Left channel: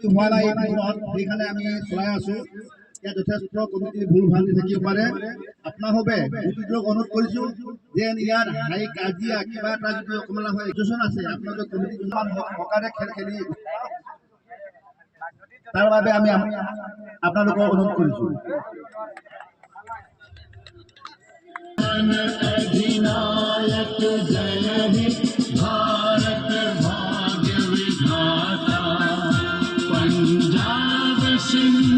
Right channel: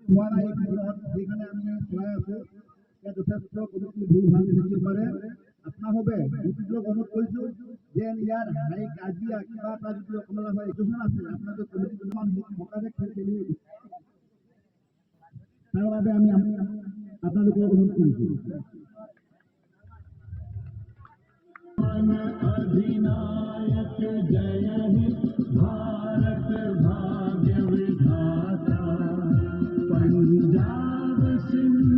হোৱা নাই সেইকাৰণে আমি চলাই আছো। ইয়াত যথেষ্ট কমিটিৰ ভুল ভ্ৰান্তি থাকিব পাৰে। আপোনালোকে কমিটিটোক অনুৰোধ কৰিছো যে ইয়াত হাই কাজিয়া কিবা এটা যদি অকমান হয় যোজনা আছে আপোনালোকে কমিটি সকাৰে খেল খেলি তাৰ বাবে আমি আপোনালোকক অনুৰোধ কৰিছো। अधिनायक जय हे भारत भाग्य विधाता पंजाब सिंह